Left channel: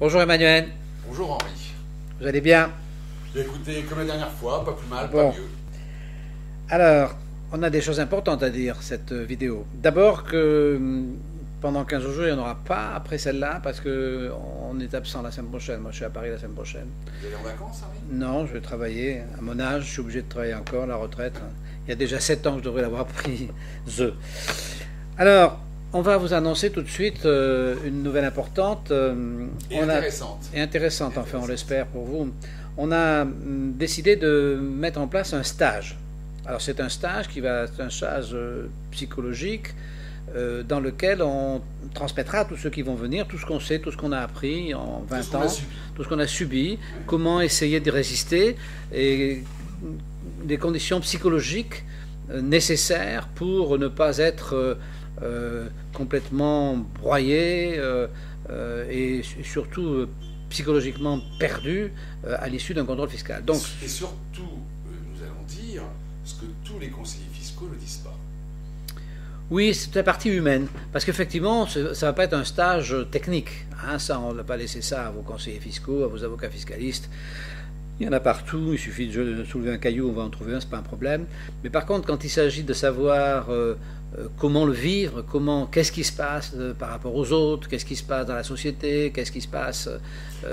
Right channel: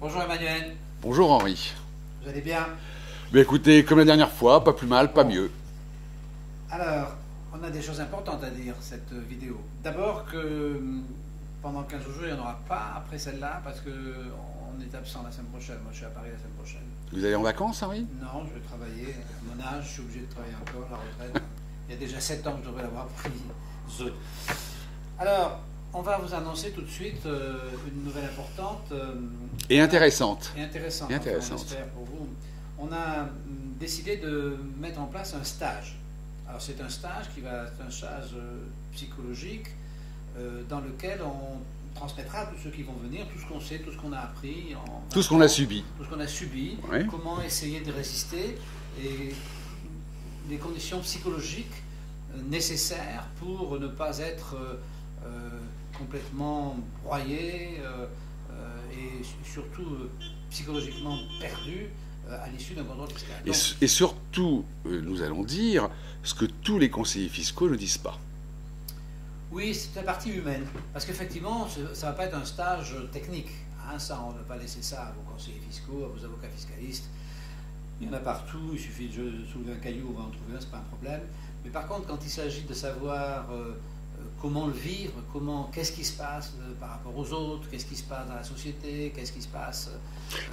Bonjour Emmanuel, Bonjour Henri. vous allez bien? Mais écoutez, comme la dernière fois, pas plus mal, pas Bon, mieux. alors, on a des choses importantes à dire cette vidéo. D'abord que pendant 15 jours, il n'y en aura pas après celle-là parce que on est absent la semaine prochaine. Moi, je suis à Paris la semaine prochaine. Vous allez en vacances, Henri? Non, je vais travailler. À mon âge, je suis obligé de travailler encore, la retraite. Il y a déjà 7 ans que je devrais l'avoir prise. Alors, on va vous annoncer tout de suite une nouvelle importante. Et intéressante. Et intéressante, Et enfin, on intéressante. l'espère pour vous. On a décidé de mettre en place un stage. Alors c'est un stage qui va être un stage psychologique dans lequel on transmettra à tous ceux qui vont venir tout ce qu'on sait, tout ce qu'on a appris en 20 Tout ce qu'on ans, a subi. tout ce qu'on a subi, Oui. comment essayer de résister et des conditions psychologiques nécessaires pour ne pas être complètement broyé et surtout psychologiquement perdu à l'issue d'un contrôle fiscal. Donc, Et surtout, nous allons dire ce que tous les conseillers fiscaux ne disent pas. oui, c'est la partie humaine, parce qu'effectivement, ça ne va pas être un stage technique. Hein, ça, on ne va pas laisser ça à vos conseillers fiscaux, à vos avocats fiscalistes. Il y en a partout, il suffit de soulever un caillou, on va en trouver un, c'est pas un problème. Mais par contre, quand il s'agit de savoir comment le vivre, qu'est-ce qui se passe par rapport aux autres, qu'est-ce qui se passe dans la société, qu'est-ce qui se passe...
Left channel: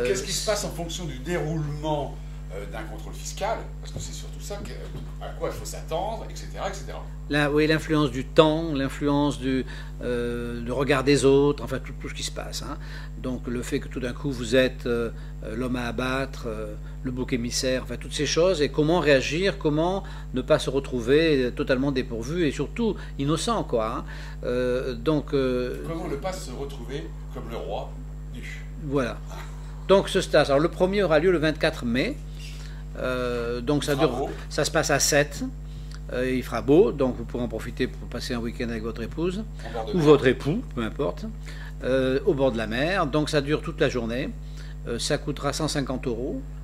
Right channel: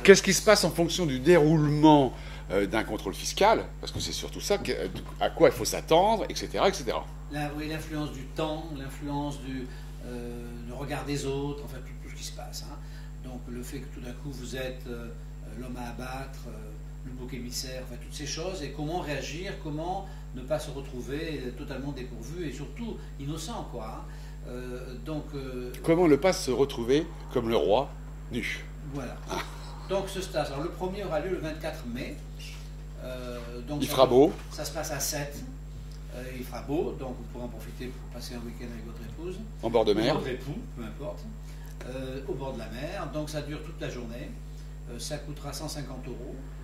Qu'est-ce qui se passe en fonction du déroulement d'un contrôle fiscal? Parce que c'est surtout ça, à quoi il faut s'attendre, etc., etc. Oui, l'influence du temps, l'influence du regard des autres, enfin tout ce qui se passe. Hein. Donc le fait que tout d'un coup vous êtes l'homme à abattre, le bouc émissaire, enfin toutes ces choses, et comment réagir, comment ne pas se retrouver totalement dépourvu et surtout innocent, quoi. Hein. Comment ne pas se retrouver comme le roi nu? Voilà. Donc ce stage, alors le premier aura lieu le 24 mai. Donc Il fera beau. Ça se passe à 7. Il fera beau, donc vous pourrez en profiter pour passer un week-end avec votre épouse. En bord de Ou mer. votre époux, peu importe. Au bord de la mer. Donc ça dure toute la journée. Ça coûtera 150 €,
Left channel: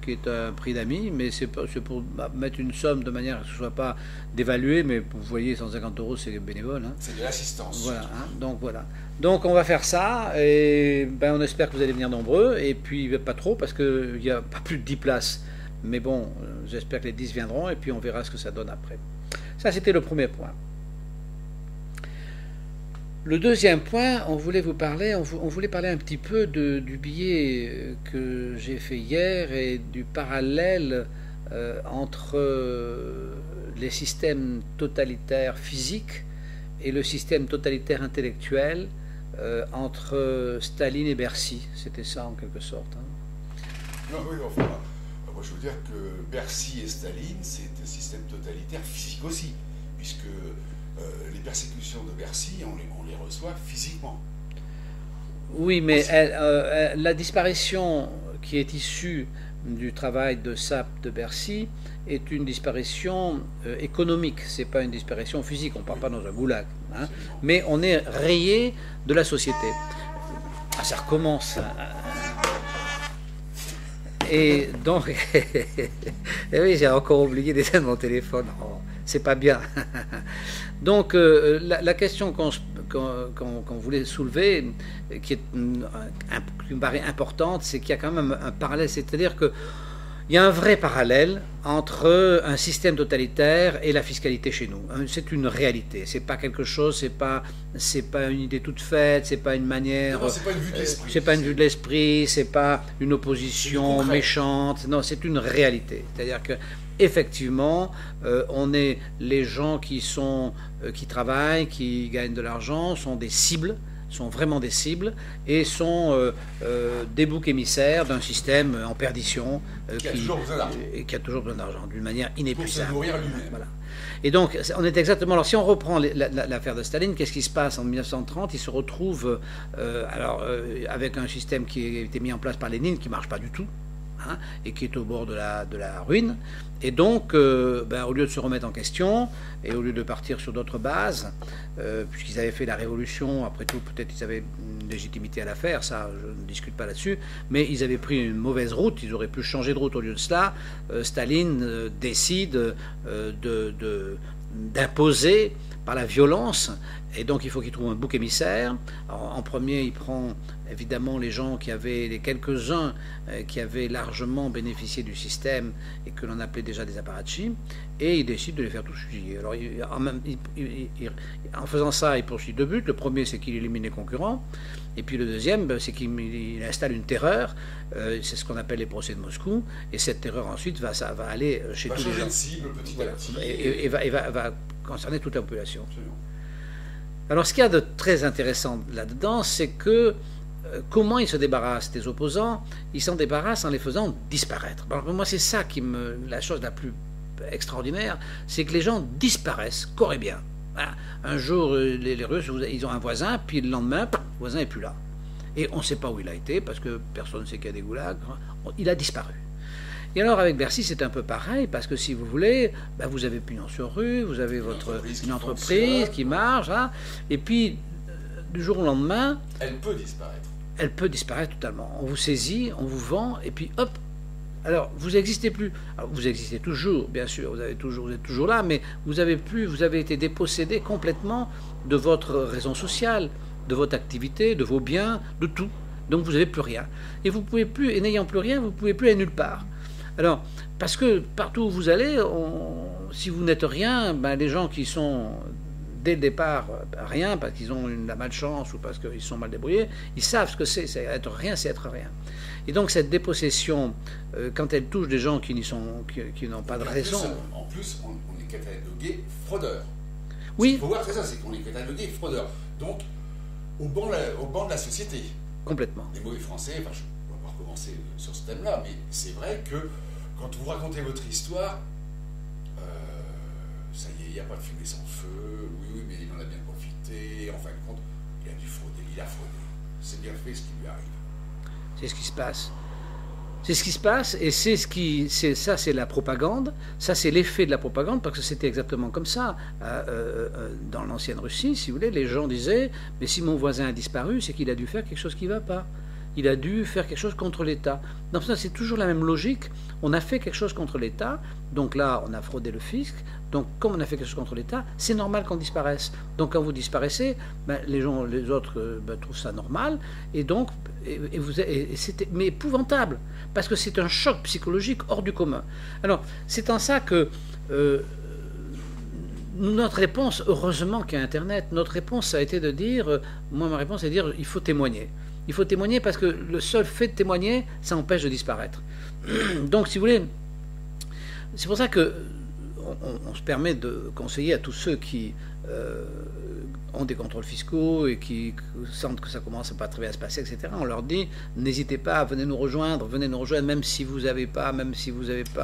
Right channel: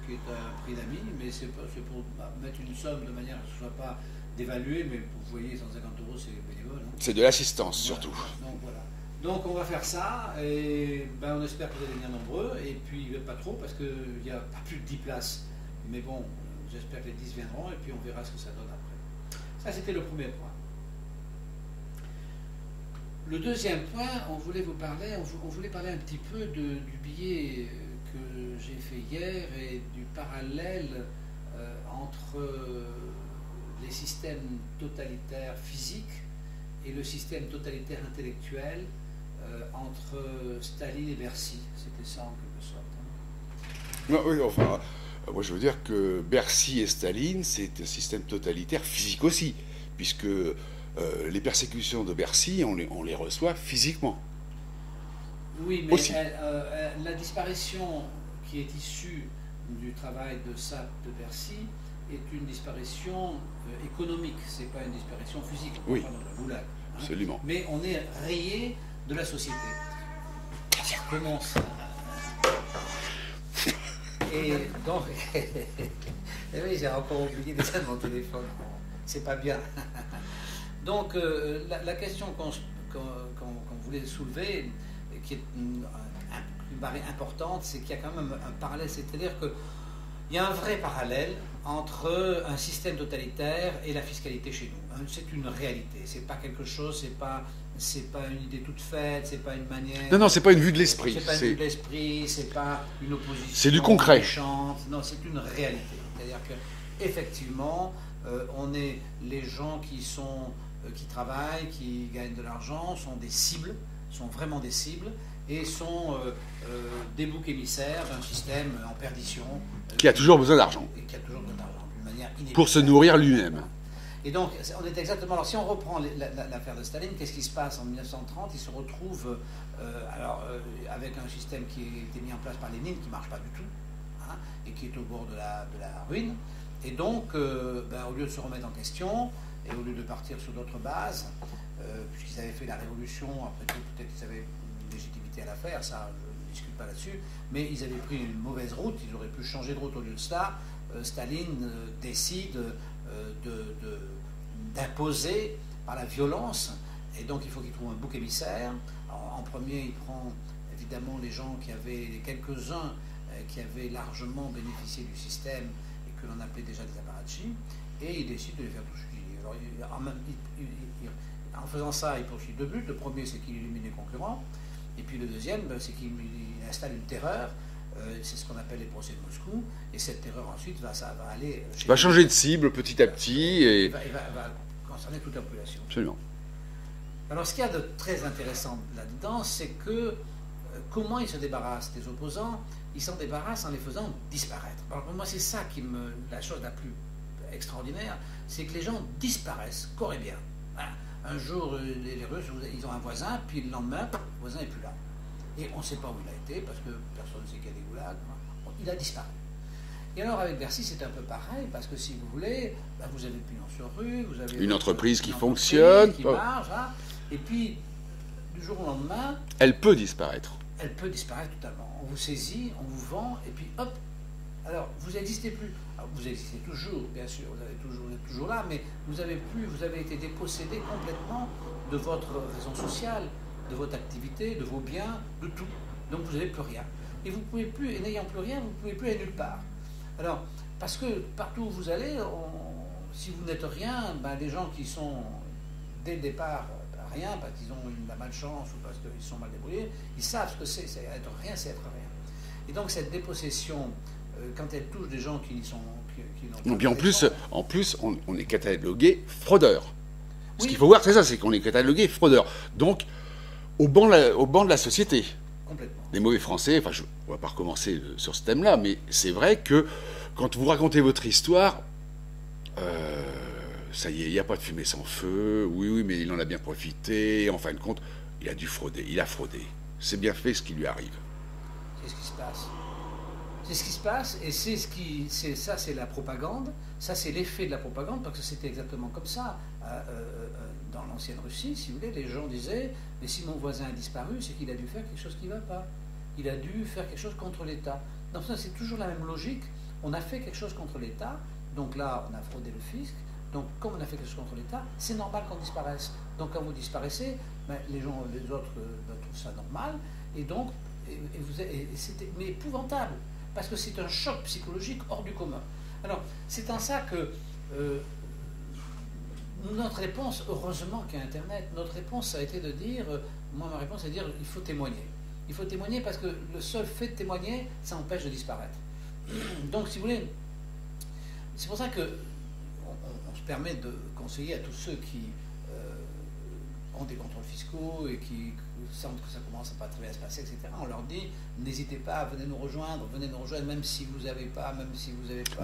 qui est un prix d'amis, mais c'est pour mettre une somme de manière à ce que ce ne soit pas dévalué, mais vous voyez, 150 € c'est bénévole. Hein. C'est de l'assistance, Voilà, surtout. hein. Donc voilà. Donc on va faire ça, et on espère que vous allez venir nombreux, et puis pas trop, parce qu'il n'y a pas plus de 10 places. Mais bon, j'espère que les 10 viendront, et puis on verra ce que ça donne après. Ça, c'était le premier point. Le deuxième point, on voulait vous parler, on voulait parler un petit peu du billet que j'ai fait hier et du parallèle entre les systèmes totalitaires physiques et le système totalitaire intellectuel entre Staline et Bercy. C'était ça en quelque sorte. Hein. Non, oui, enfin, moi je veux dire que Bercy et Staline, c'est un système totalitaire physique aussi, puisque les persécutions de Bercy, on les reçoit physiquement. Oui, mais Aussi. la disparition qui est issue du travail de SAP de Bercy est une disparition économique, c'est pas une disparition physique, on ne part Oui. pas dans un goulag. Hein. Absolument. Mais on est rayé de la société. Ah, ça recommence. Et donc, et oui, j'ai encore oublié d'éteindre mon téléphone. Oh, c'est pas bien. Donc, la question qu'on voulait soulever, qui me paraît importante, c'est qu'il y a quand même un parallèle, c'est-à-dire que il y a un vrai parallèle entre un système totalitaire et la fiscalité chez nous. C'est une réalité. C'est pas quelque chose. C'est pas une idée toute faite. C'est pas une manière. Non, c'est pas une vue de l'esprit. C'est pas une vue de l'esprit. C'est pas une opposition C'est du concret. méchante. Non, c'est une réalité. C'est-à-dire que effectivement, on est les gens qui travaillent, qui gagnent de l'argent, sont des cibles. Sont vraiment des cibles et sont des boucs émissaires d'un système en perdition. Qui a toujours besoin d'argent. Et qui a toujours besoin d'argent, d'une manière inépuisable. Pour se nourrir lui-même. Voilà. Et donc, on est exactement... Alors, si on reprend l'affaire de Staline, qu'est-ce qui se passe en 1930? Il se retrouve avec un système qui a été mis en place par Lénine, qui ne marche pas du tout, hein, et qui est au bord de la ruine. Et donc, au lieu de se remettre en question, et au lieu de partir sur d'autres bases, puisqu'ils avaient fait la révolution, après tout, peut-être qu'ils avaient une légitimité à la faire, ça, je ne discute pas là-dessus, mais ils avaient pris une mauvaise route, ils auraient pu changer de route au lieu de cela. Staline décide d'imposer par la violence, et donc il faut qu'il trouve un bouc émissaire. Alors, en premier, il prend évidemment les gens qui avaient, les quelques-uns qui avaient largement bénéficié du système et que l'on appelait déjà des apparatchiks, et il décide de les faire tous fusiller. Alors, en faisant ça, il poursuit deux buts. Le premier, c'est qu'il élimine les concurrents. Et puis le deuxième, c'est qu'il installe une terreur. C'est ce qu'on appelle les procès de Moscou. Et cette terreur, ensuite, va aller chez... Va changer de cible petit à petit. Et va concerner toute la population. Absolument. Alors, ce qu'il y a de très intéressant là-dedans, c'est que comment il se débarrasse des opposants? Il s'en débarrasse en les faisant disparaître. Alors, pour moi, c'est ça la chose la plus extraordinaire, c'est que les gens disparaissent, corps et bien. Voilà. Un jour, les Russes, ils ont un voisin, puis le lendemain, le voisin n'est plus là. Et on ne sait pas où il a été, parce que personne ne sait qu'il y a des goulags. Il a disparu. Et alors, avec Bercy, c'est un peu pareil, parce que si vous voulez, vous avez pignon sur rue, vous avez une entreprise qui fonctionne, qui marche, hein, et puis, du jour au lendemain... Elle peut disparaître. Elle peut disparaître totalement. On vous saisit, on vous vend, et puis hop. Alors, vous n'existez plus. Alors, vous existez toujours, bien sûr, vous êtes toujours là, mais vous avez été dépossédé complètement de votre raison sociale, de votre activité, de vos biens, de tout. Donc, vous n'avez plus rien. Et vous pouvez plus, et n'ayant plus rien, vous ne pouvez plus aller nulle part. Alors, parce que partout où vous allez, si vous n'êtes rien, les gens qui sont dès le départ rien, parce qu'ils ont la malchance ou parce qu'ils sont mal débrouillés, ils savent ce que c'est être rien, c'est être rien. Et donc cette dépossession, quand elle touche des gens qui n'ont pas de raison... En plus, on est catalogué fraudeur. Oui. Ce qu'il faut voir, c'est ça, c'est qu'on est catalogué fraudeur. Donc, au banc de la société. Complètement. Les mauvais Français, on ne va pas recommencer sur ce thème-là, mais c'est vrai que quand vous racontez votre histoire, ça y est, il n'y a pas de fumée sans feu, oui, mais il en a bien profité, en fin de compte, il a fraudé. C'est bien fait ce qui lui arrive. C'est ce qui se passe. C'est ce qui se passe, et ça, c'est la propagande. Ça, c'est l'effet de la propagande, parce que c'était exactement comme ça. Dans l'ancienne Russie, si vous voulez, les gens disaient, mais si mon voisin a disparu, c'est qu'il a dû faire quelque chose qui ne va pas. Il a dû faire quelque chose contre l'État. Donc ça, c'est toujours la même logique. On a fait quelque chose contre l'État, donc là, on a fraudé le fisc. Donc, comme on a fait quelque chose contre l'État, c'est normal qu'on disparaisse. Donc, quand vous disparaissez, les autres trouvent ça normal, et donc, c'était mais épouvantable, parce que c'est un choc psychologique hors du commun. Alors, c'est en ça que notre réponse, heureusement qu'il y a Internet, notre réponse, ça a été de dire, moi, ma réponse, c'est de dire, il faut témoigner. Il faut témoigner parce que le seul fait de témoigner, ça empêche de disparaître. Donc, si vous voulez, c'est pour ça que on se permet de conseiller à tous ceux qui ont des contrôles fiscaux et qui sentent que ça commence à pas très bien se passer, etc. On leur dit, n'hésitez pas, venez nous rejoindre, même si vous n'avez pas,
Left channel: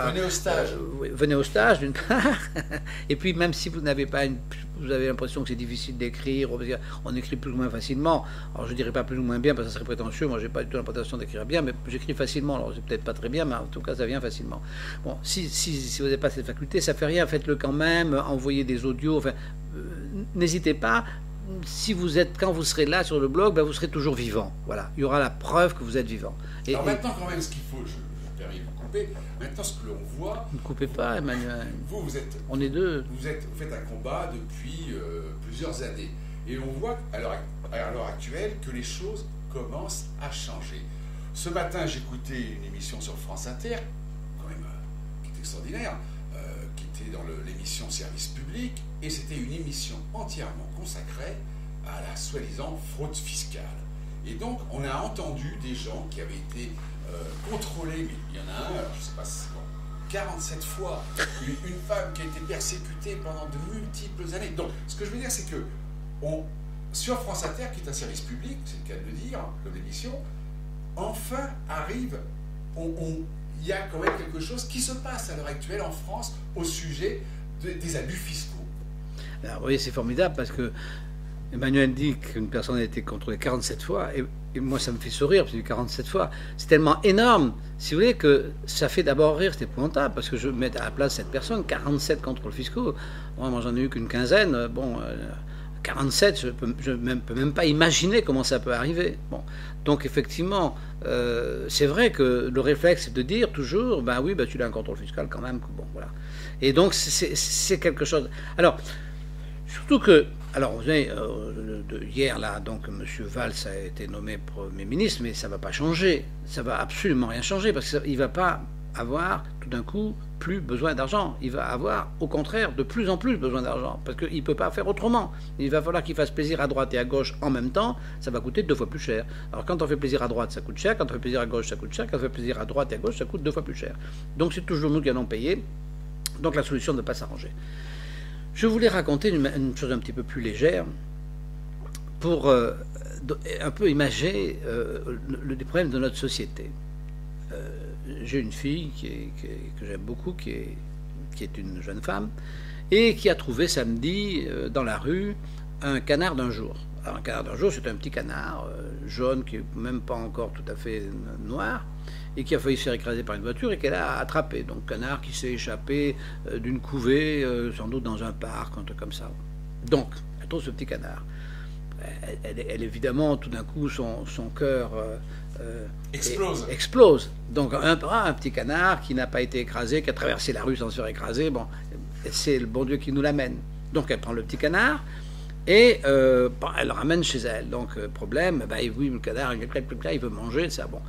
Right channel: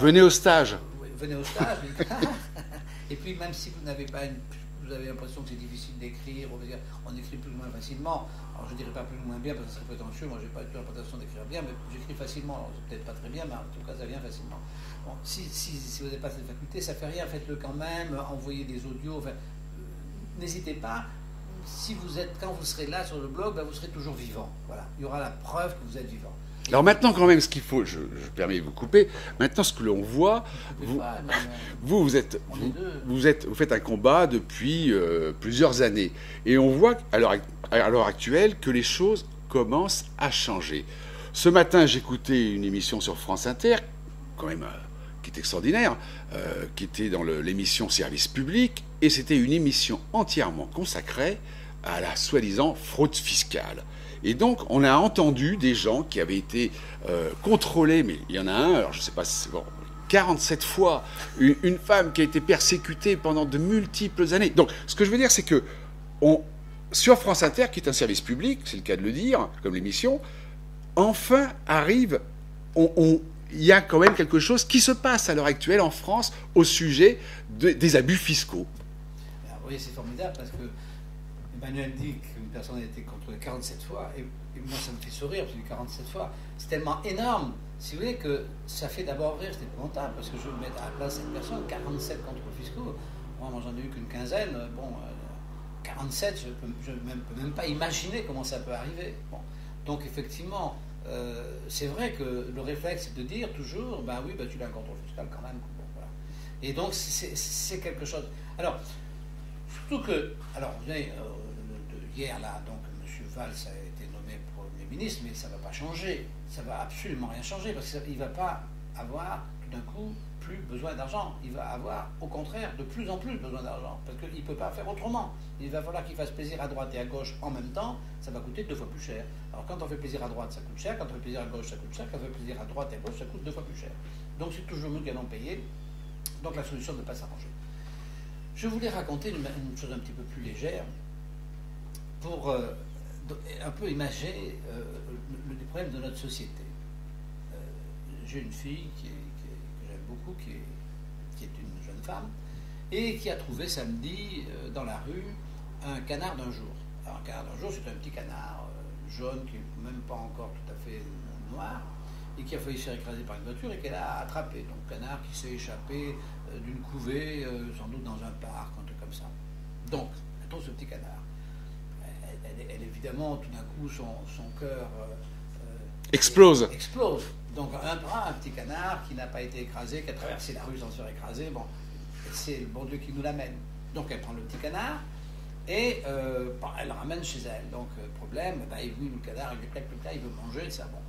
Venez au stage. Venez au stage, d'une part. Et puis, même si vous n'avez pas vous avez l'impression que c'est difficile d'écrire, on écrit plus ou moins facilement. Alors, je ne dirais pas plus ou moins bien, parce que ça serait prétentieux. Moi, je n'ai pas du tout l'impression d'écrire bien, mais j'écris facilement. Alors, c'est peut-être pas très bien, mais en tout cas, ça vient facilement. Bon, si vous n'avez pas cette faculté, ça fait rien, faites-le quand même, envoyez des audios, enfin, n'hésitez pas. Quand vous serez là sur le blog, vous serez toujours vivant. Voilà, il y aura la preuve que vous êtes vivant. Alors maintenant, quand même, ce qu'il faut, je permets de vous couper. Maintenant, ce que l'on voit, ne coupez pas, Emmanuel. Vous faites un combat depuis plusieurs années, et on voit à l'heure actuelle que les choses commencent à changer. Ce matin, j'écoutais une émission sur France Inter, quand même, qui est extraordinaire, qui était dans l'émission Service Public, et c'était une émission entièrement consacrée à la soi-disant fraude fiscale. Et donc, on a entendu des gens qui avaient été contrôlés, mais il y en a un, alors je ne sais pas si c'est bon, 47 fois, une femme qui a été persécutée pendant de multiples années. Donc, ce que je veux dire, c'est que sur France Inter, qui est un service public, c'est le cas de le dire, comme l'émission, enfin arrive, il y a quand même quelque chose qui se passe à l'heure actuelle en France au sujet des abus fiscaux. Alors, vous voyez, c'est formidable parce que Emmanuel dit qu'une personne a été contrôlée 47 fois, et moi ça me fait sourire, parce que 47 fois, c'est tellement énorme, si vous voulez, que ça fait d'abord rire, c'est épouvantable, parce que je mets à la place cette personne, 47 contrôles fiscaux, moi j'en ai eu qu'une quinzaine, 47, je ne peux même pas imaginer comment ça peut arriver. Bon. Donc effectivement, c'est vrai que le réflexe c'est de dire toujours, tu as un contrôle fiscal quand même, bon, voilà. Et donc c'est quelque chose... Alors, Surtout que, alors vous savez, hier là, donc M. Valls a été nommé Premier ministre, mais ça ne va pas changer, ça ne va absolument rien changer, parce qu'il ne va pas avoir tout d'un coup plus besoin d'argent, il va avoir au contraire de plus en plus besoin d'argent, parce qu'il ne peut pas faire autrement. Il va falloir qu'il fasse plaisir à droite et à gauche en même temps, ça va coûter 2 fois plus cher. Alors quand on fait plaisir à droite, ça coûte cher, quand on fait plaisir à gauche, ça coûte cher, quand on fait plaisir à droite et à gauche, ça coûte 2 fois plus cher. Donc c'est toujours nous qui allons payer, donc la solution ne peut pas s'arranger. Je voulais raconter une chose un petit peu plus légère pour un peu imager les problèmes de notre société. J'ai une fille que j'aime beaucoup, qui est une jeune femme, et qui a trouvé samedi dans la rue un canard d'un jour. Alors un canard d'un jour, c'est un petit canard jaune qui n'est même pas encore tout à fait noir, et qui a failli se faire écraser par une voiture et qu'elle a attrapé. Donc canard qui s'est échappé d'une couvée, sans doute dans un parc, un truc comme ça. Donc, elle trouve ce petit canard. Elle évidemment, tout d'un coup, son cœur explose. Donc un petit canard qui n'a pas été écrasé, qui a traversé la rue sans se faire écraser, bon, c'est le bon Dieu qui nous l'amène. Donc elle prend le petit canard et elle le ramène chez elle. Donc problème, oui, le canard, il veut manger, ça, bon.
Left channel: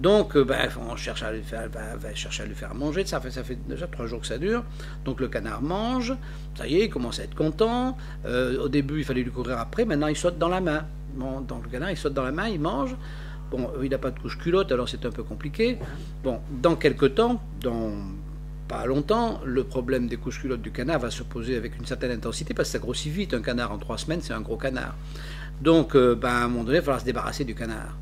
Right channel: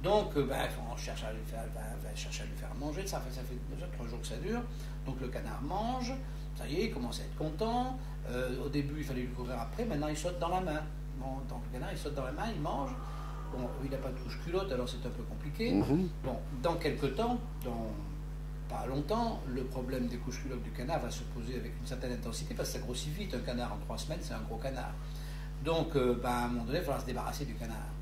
Donc, on cherche à lui faire manger. Ça fait déjà 3 jours que ça dure. Donc, le canard mange. Ça y est, il commence à être content. Au début, il fallait lui courir après. Maintenant, il saute dans la main. Bon, donc, le canard, il saute dans la main, il mange. Bon, il n'a pas de couche-culotte, alors c'est un peu compliqué. Bon, dans quelques temps, dans pas longtemps, le problème des couches-culottes du canard va se poser avec une certaine intensité parce que ça grossit vite. Un canard en 3 semaines, c'est un gros canard. Donc, à un moment donné, il va falloir se débarrasser du canard.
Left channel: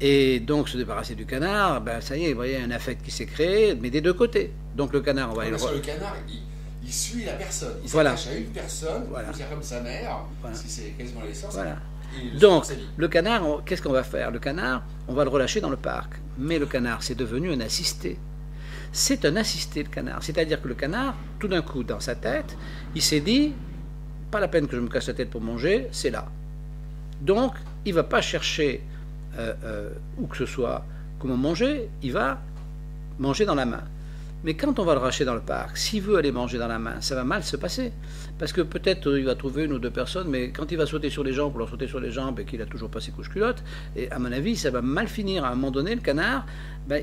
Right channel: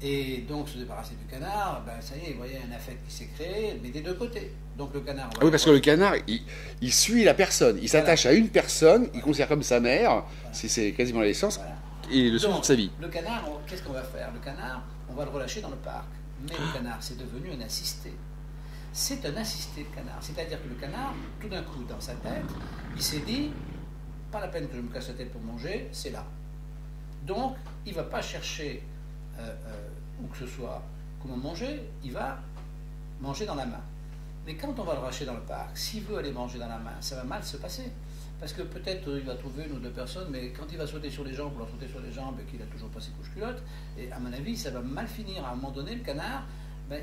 Et donc, se débarrasser du canard, ça y est, vous voyez, un affect qui s'est créé, mais des deux côtés. Donc, le canard, on va parce que le canard, il suit la personne. Il s'attache à une personne, il considère comme sa mère, c'est quasiment l'essence, et le donc, sa vie. Le canard, qu'est-ce qu'on va faire? Le canard, on va le relâcher dans le parc. Mais le canard, c'est devenu un assisté. C'est un assisté, le canard. C'est-à-dire que le canard, tout d'un coup, dans sa tête, il s'est dit, pas la peine que je me casse la tête pour manger, c'est là. Donc, il ne va pas chercher où que ce soit comment manger, il va manger dans la main. Mais quand on va le racheter dans le parc, s'il veut aller manger dans la main, ça va mal se passer. Parce que peut-être il va trouver 1 ou 2 personnes, mais quand il va sauter sur les jambes, pour leur sauter sur les jambes et qu'il a toujours pas ses couches-culottes, et à mon avis, ça va mal finir. À un moment donné, le canard,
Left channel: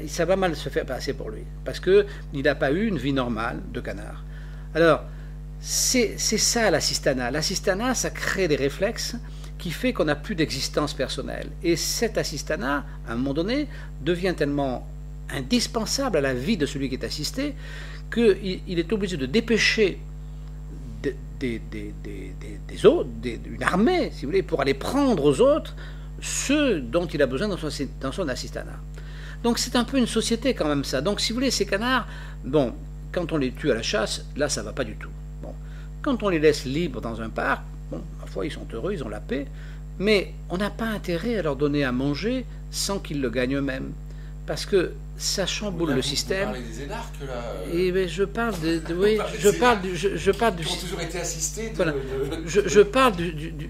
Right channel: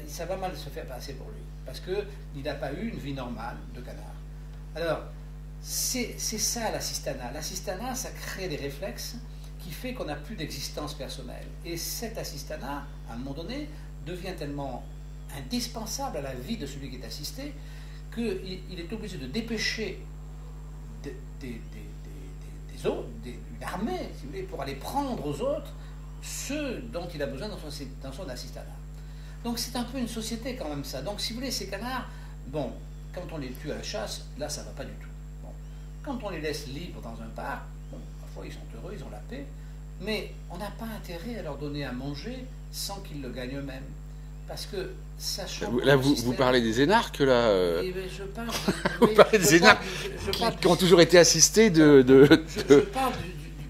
ça va mal se faire passer pour lui. Parce qu'il n'a pas eu une vie normale de canard. Alors, c'est ça l'assistanat. L'assistanat, ça crée des réflexes qui fait qu'on n'a plus d'existence personnelle. Et cet assistanat, à un moment donné, devient tellement indispensable à la vie de celui qui est assisté qu'il est obligé de dépêcher des autres, une armée, si vous voulez, pour aller prendre aux autres ceux dont il a besoin dans son assistanat. Donc c'est un peu une société quand même ça. Donc si vous voulez, ces canards, bon, quand on les tue à la chasse, là ça va pas du tout. Bon, quand on les laisse libres dans un parc, bon, parfois ils sont heureux, ils ont la paix, mais on n'a pas intérêt à leur donner à manger sans qu'ils le gagnent eux-mêmes. Parce que ça chamboule le système. Vous parlez des énarques, là je parle qui ont toujours été assistés Je parle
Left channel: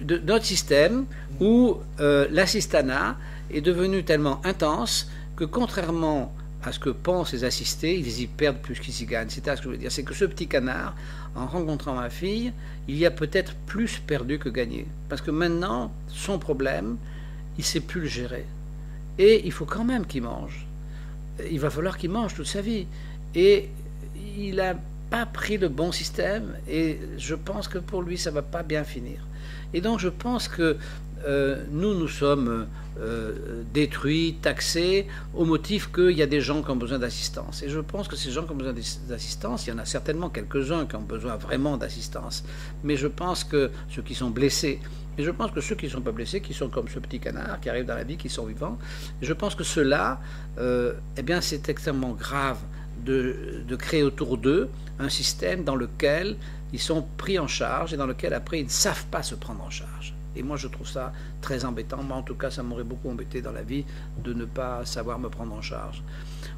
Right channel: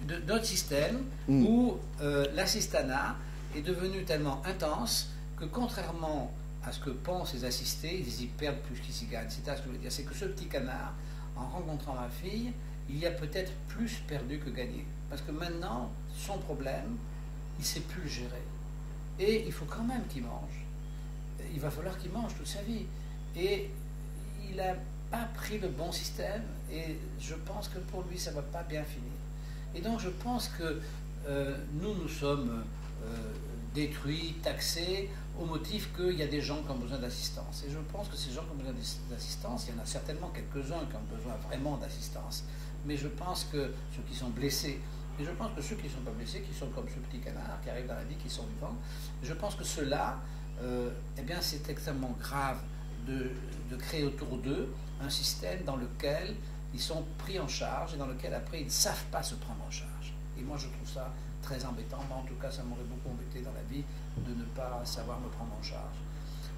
de notre système où l'assistanat est devenu tellement intense que contrairement à ce que pensent les assistés, ils y perdent plus qu'ils y gagnent. C'est ça ce que je veux dire. C'est que ce petit canard, en rencontrant ma fille, il y a peut-être plus perdu que gagné. Parce que maintenant, son problème, il ne sait plus le gérer. Et il faut quand même qu'il mange. Il va falloir qu'il mange toute sa vie. Et il n'a pas pris le bon système. Et je pense que pour lui, ça ne va pas bien finir. Et donc, je pense que nous sommes détruits, taxés, au motif qu'il y a des gens qui ont besoin d'assistance. Et je pense que ces gens qui ont besoin d'assistance, il y en a certainement quelques-uns qui ont besoin vraiment d'assistance. Mais je pense que ceux qui sont blessés, et je pense que ceux qui ne sont pas blessés, qui sont comme ce petit canard, qui arrivent dans la vie, qui sont vivants, je pense que ceux-là, eh bien, c'est extrêmement grave de créer autour d'eux un système dans lequel ils sont pris en charge et dans lequel après ils ne savent pas se prendre en charge. Et moi je trouve ça très embêtant. Moi en tout cas ça m'aurait beaucoup embêté dans la vie de ne pas savoir me prendre en charge.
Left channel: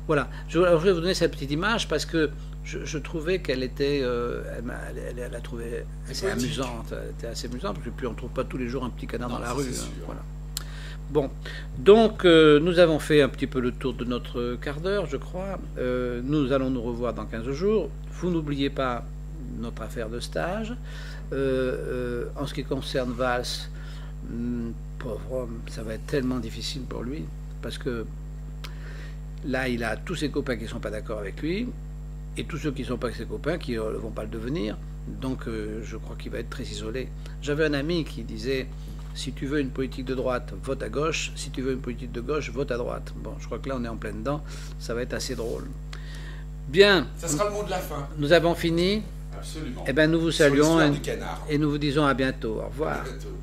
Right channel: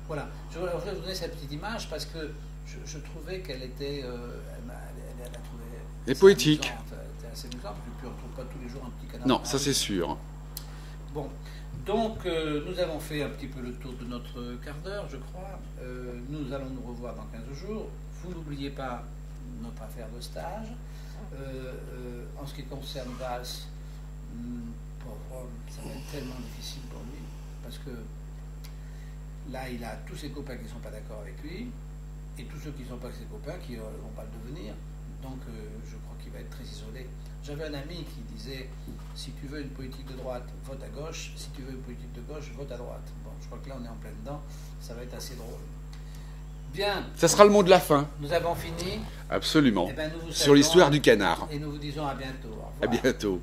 Voilà, je vais vous donner cette petite image parce que je trouvais qu'elle était, elle a trouvé poétique. C'était assez amusant parce que puis on ne trouve pas tous les jours un petit canard. Non, ça c'est sûr. Voilà. Bon, donc nous avons fait un petit peu le tour de notre quart d'heure, je crois. Nous allons nous revoir dans 15 jours. Vous n'oubliez pas notre affaire de stage. En ce qui concerne Valls, pauvre homme, ça va être tellement difficile pour lui, parce que là, il a tous ses copains qui ne sont pas d'accord avec lui, et tous ceux qui ne sont pas avec ses copains qui ne vont pas le devenir. Donc, je crois qu'il va être très isolé. J'avais un ami qui disait, si tu veux une politique de droite, vote à gauche. Si tu veux une politique de gauche, vote à droite. Bon, je crois que là, on est en plein dedans. Ça va être assez drôle. Bien. Ça sera le mot de la fin. Nous avons fini. Absolument. Eh bien, nous vous saluons. Sur l'histoire du canard. Et nous vous disons à bientôt. Au revoir. À bientôt.